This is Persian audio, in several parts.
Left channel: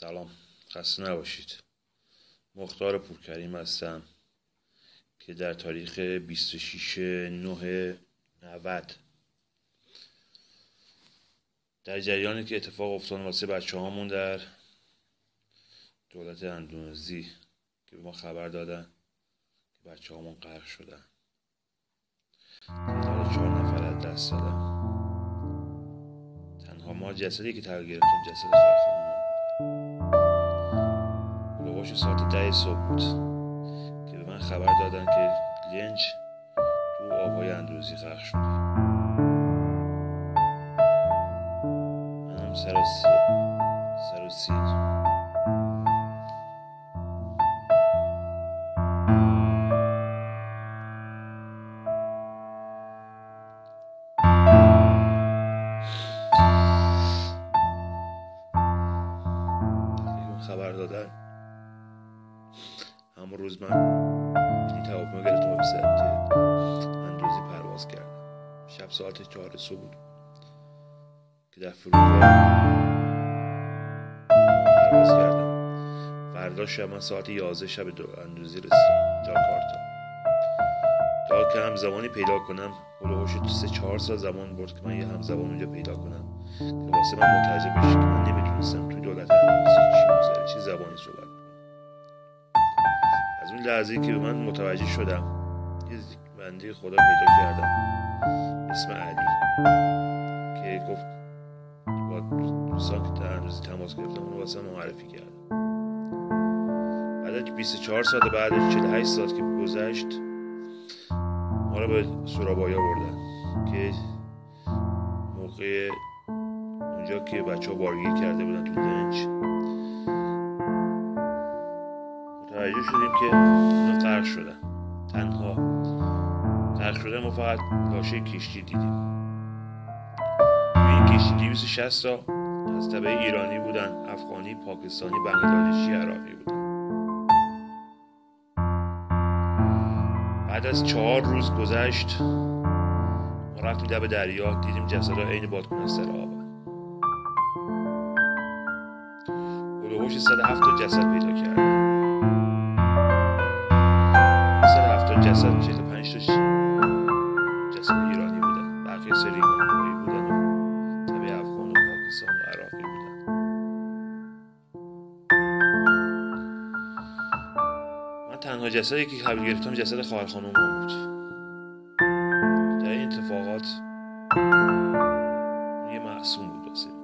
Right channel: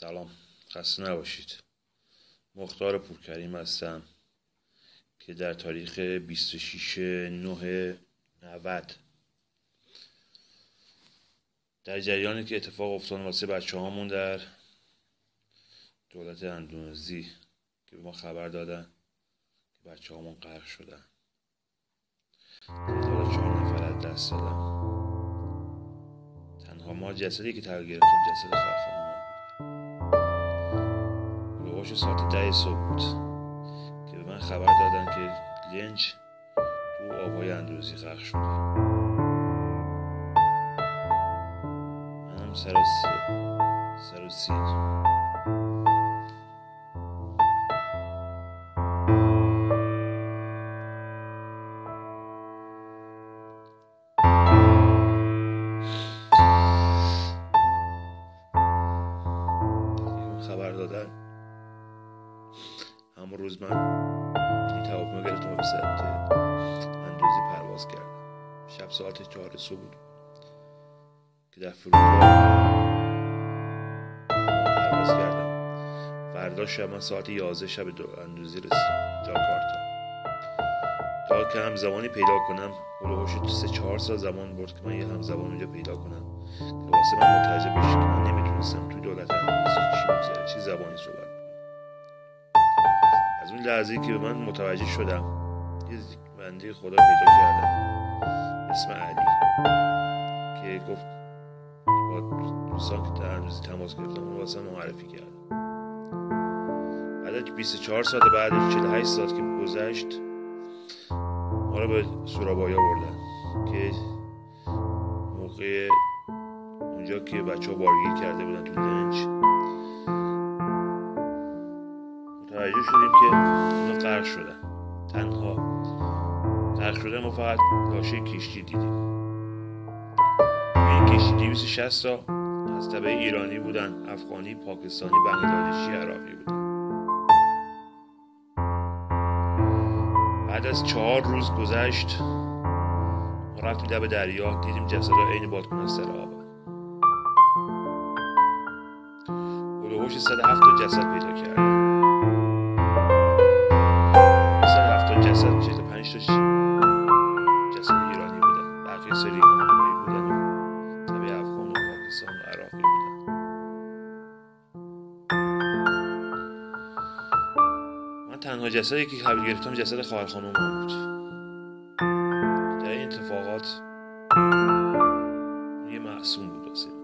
سلام، خسته نباشید. مختار پورکریم هستم که در تاریخ 26/9/90 در جریانی که اتفاق افتاد واسه بچه هامون در دولت اندونزی که به ما خبر دادن که بچه هامون غرق شدن، تعداد 4 نفر از دست دادن. تنها ما جسدی که تغییر گرفتم جسد خواهر خانم بود. ساعت 10 صبح بود که به من خبر دادن که لنج تو آبهای اندونزی غرق شده. منم سر و سیر خبر دادن. همون روز من بلیط هواپیما گرفتم و به سمت اندونزی پرواز کردم. شب ساعت 4 صبح بود که در فرودگاه پرواز کردم. فردا شب من ساعت 11 شب اندونزی رسیدم جاکارتا. تا که همزبانی پیدا کنم هلوهوش 3-4 سال زمان برد که من یه همزبان اونجا پیدا کنم که واسه من متوجه بشه که من نمیتونستم توی دولت اندونزی چی میگذره، چی زبانی صحبت کنم. از اون لحظه‌ای که به من متوجه شدم یه بنده خدا پیدا کردم اسم علی که گفت با دوستان که در اندونزی تماس گرفتم اونو واسه من معرفی کرد. بعد از 24 ساعت بعد 48 ساعت که گذشت ما رو به سورابایا بردن که موقع اونجا که بچه ها بارگیر کرده بودن تو لنج متوجه شدیم که اینا غرق شدن. تنها غرق شدن ما فقط لاشه کشتی دیدیم. توی این کشتی 260 تا از تبع ایرانی بودن، افغانی، پاکستانی، بنگلادشی، عراقی بودن. بعد از 4 روز گذشت ما رفتیم لب دریا، دیدیم جسدها عین بادکن از سر آب. هلوهوش 107 تا جسد پیدا کردن. 170 جسد 45 تا جسد ایرانی بودن، بقیه سریگانهایی بودن و تبع افغان و پاکستان و عراقی بودن. من تنها جسدی که قبل گرفتم جسد خواهر خانم بود. در این اتفاقات یه معصوم بود واسه من.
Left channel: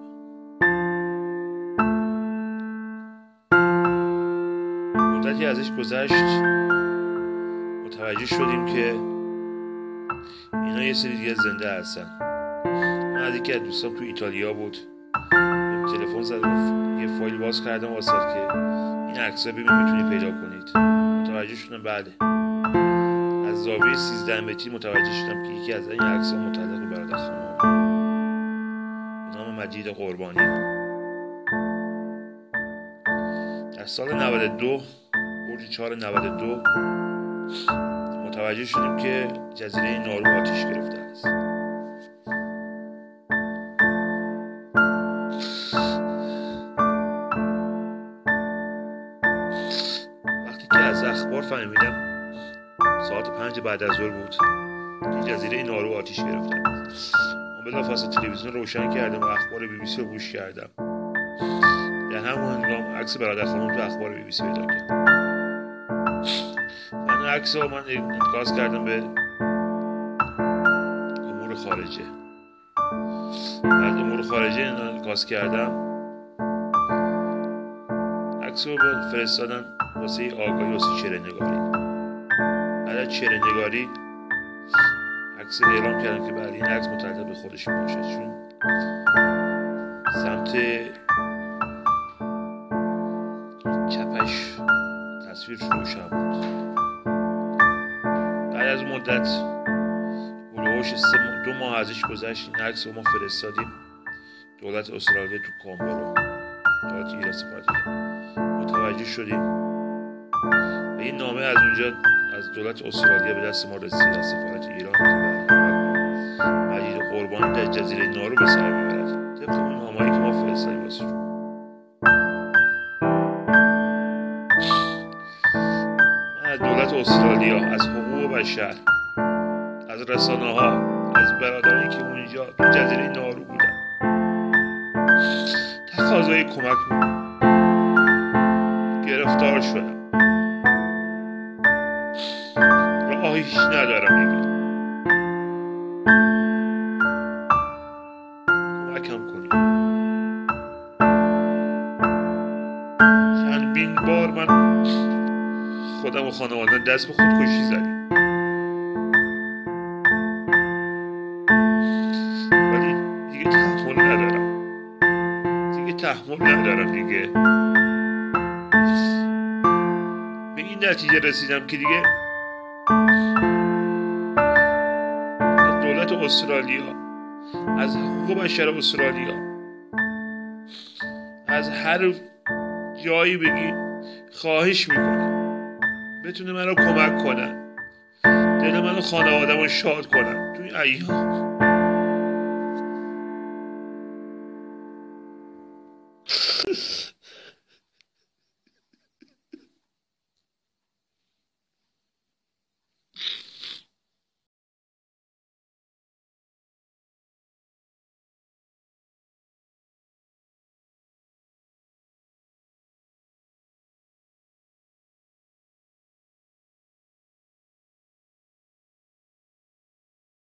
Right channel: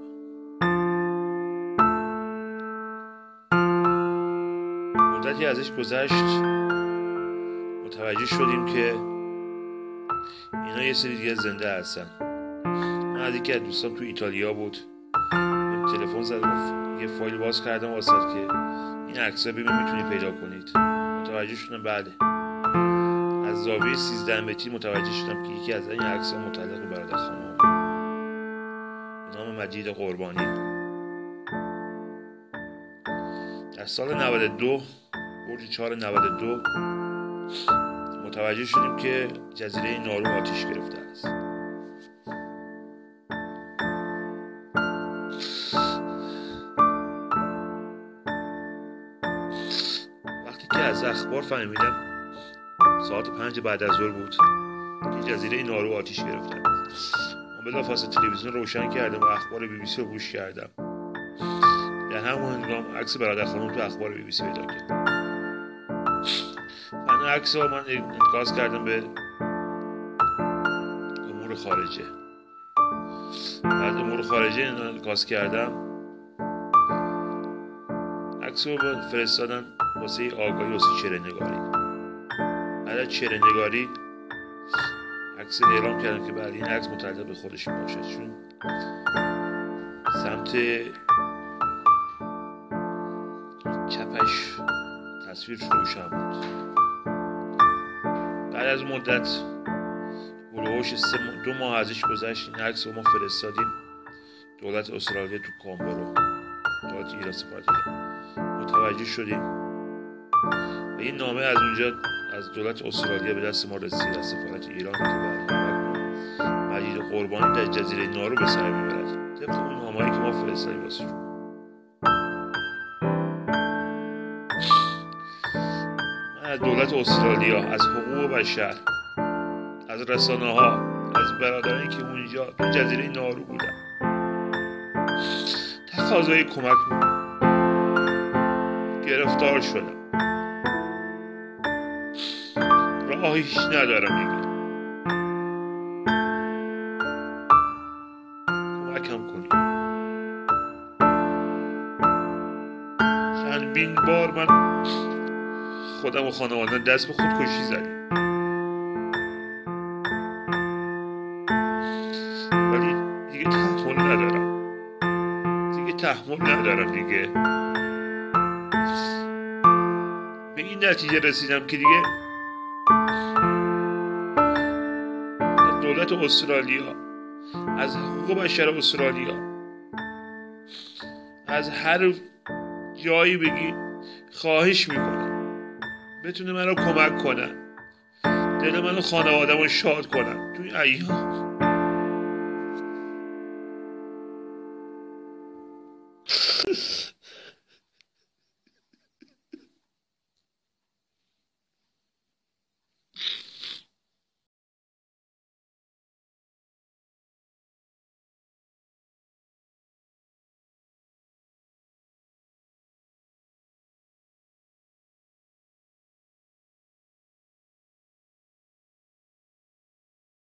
مدتی ازش گذشت متوجه شدیم که اینا یه سری دیگه زنده هستن. من از یکی از دوستان تو ایتالیا بود تلفن زد گفت یه فایل باز کردم واسه که این عکس‌ها ببین میتونی پیدا کنید. متوجه شدم بله. از زاویه 13 متری متوجه شدم که یکی از این عکس‌ها متعلق به برادر خانم به نام مجید قربانی. در سال 92 برج 492 متوجه شدیم که جزیره نارو آتش گرفته است. وقتی که از اخبار فهمیدم ساعت 5 بعد از ظهر بود که جزیره نارو آتش گرفته است. من بلافاصله تلویزیون روشن کردم و اخبار BBC رو گوش کردم. در همون هنگام عکس برادر خانم تو اخبار BBC پیدا کردم. من عکس رو انتقاض کردم به امور خارجه. بعد امور خارجه انتقاض کردم عکس رو فرستادن واسه آگاهی واسه چهره‌نگاری. بعد از چهره‌نگاری عکس اعلام کردم که بعد این عکس متعلق به خودش باشد چون سمت چپش تصویر روشن بود. بعد از مدت هلوهوش 2 ماه ازش گذشت این عکس رو ما فرستادیم دولت استرالیا تو کامبرا، دولت ایران، سفارت ایران. متوجه شدیم و این نامه از اونجا از دولت استرالیا به دست ما رسید از سفارت ایران که مجید قربانی در جزیره نارو به سر میبرد طبق اون نامه‌ای که ما فرستادیم واسه. از دولت استرالیا، از حقوق بشر، از رسانه ها، از برادرانی که اونجا تو جزیره نارو بودن تقاضای کمک میکنم. گرفتار شدم، راهیش ندارم دیگه، کمکم کنید. چندین بار من خودم و خانواده دست به خودکشی زدیم، ولی دیگه تحمل ندارم دیگه. به این نتیجه رسیدم که دیگه از دولت استرالیا، از حقوق بشر استرالیا، از هر جایی بگی خواهش میکنم بتونه من رو کمک کنن، دل من و خانوادم رو شاد کنن توی ایام.